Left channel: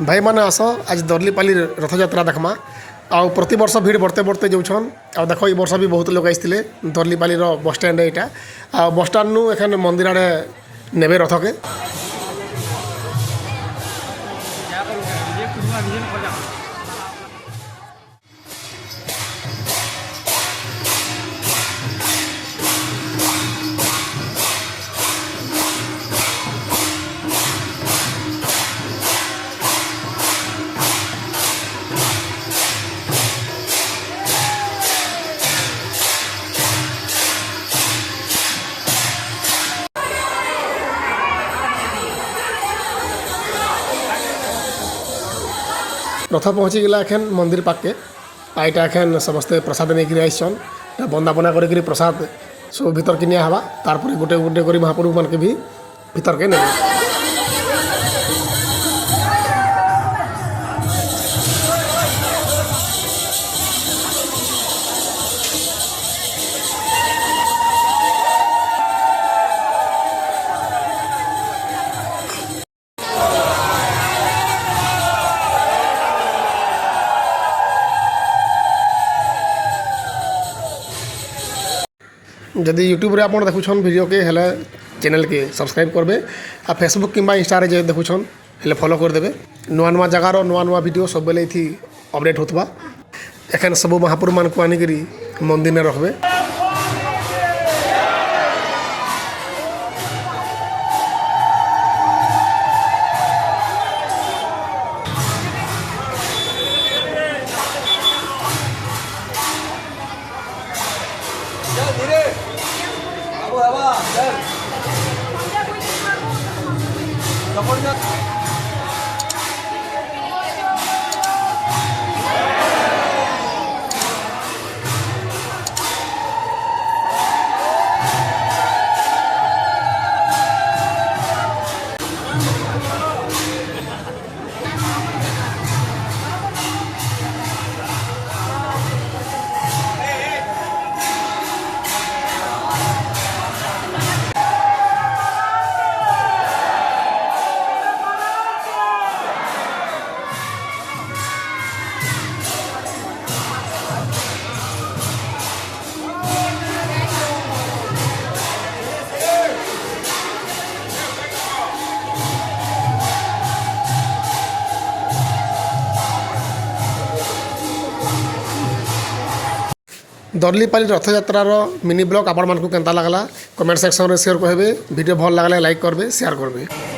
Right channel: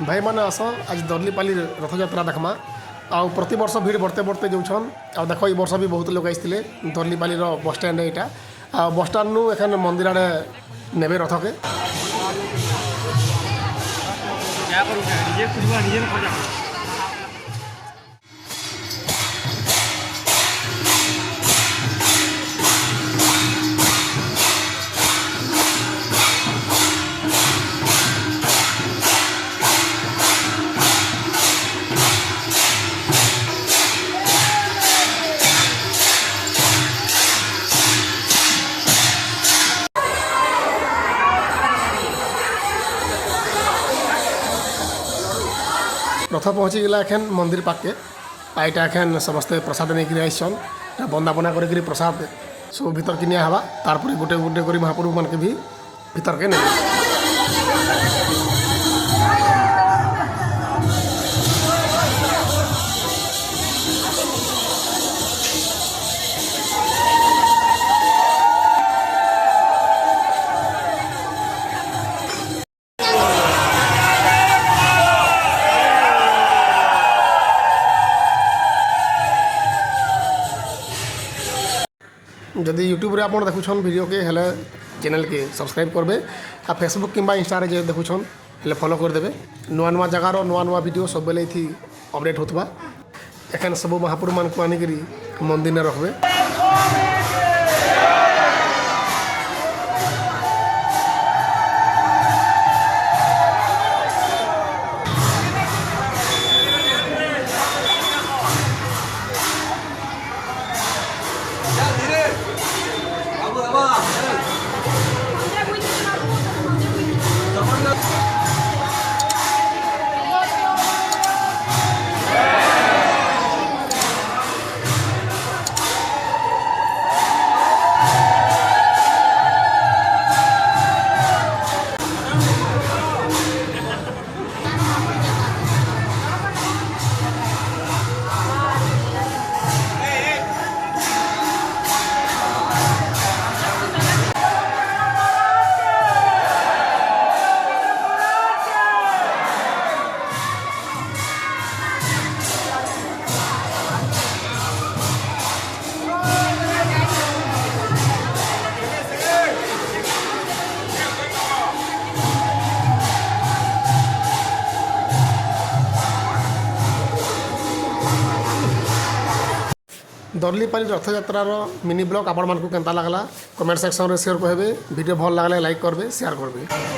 भाई मैंने आस आज दर्लीपाली रथयात्रा देखमा आ प्रति वर्ष भीड़ बढ़ते बढ़ते जाऊन आ देख ये वर्ष भी बहुत लोग आसते दर्लीपाली बस स्टैंड यहाँ आ बस स्टाण्ड नु एखन मंदिर आड़े नेबे रथ के रथ पहुँची गला एखन मंदिर पाके आईटा एखन समस्ते प्रसाद नहीं आईसन बंदापना कर प्रसाद सब भीतर के निया हवा तारपर गोटे गोटे कर महाप्रभु मान के भी भीतर के नेबे जदि यूट्यूब रे आपण देखुछन वीडियो के हेले चैनल के सब्सक्राइब करबे आ फेसबुक किंबा इंस्टा रे जे देखुछन हेले फॉलो कर देबे नुआ नुआ जगार नुआ नुआ वीडियो सब बेले थी अपडेट होतबा एखन सब महापुर मान को आनी करी मंदिर ने रखबे। दर्लीपाली रथयात्रार मिनी ब्लॉग आपण मानक केंता लागला कमेंट सेक्शन रे शेयर करबे वीडियो भल लागले लाइक करबे शेयर करबे।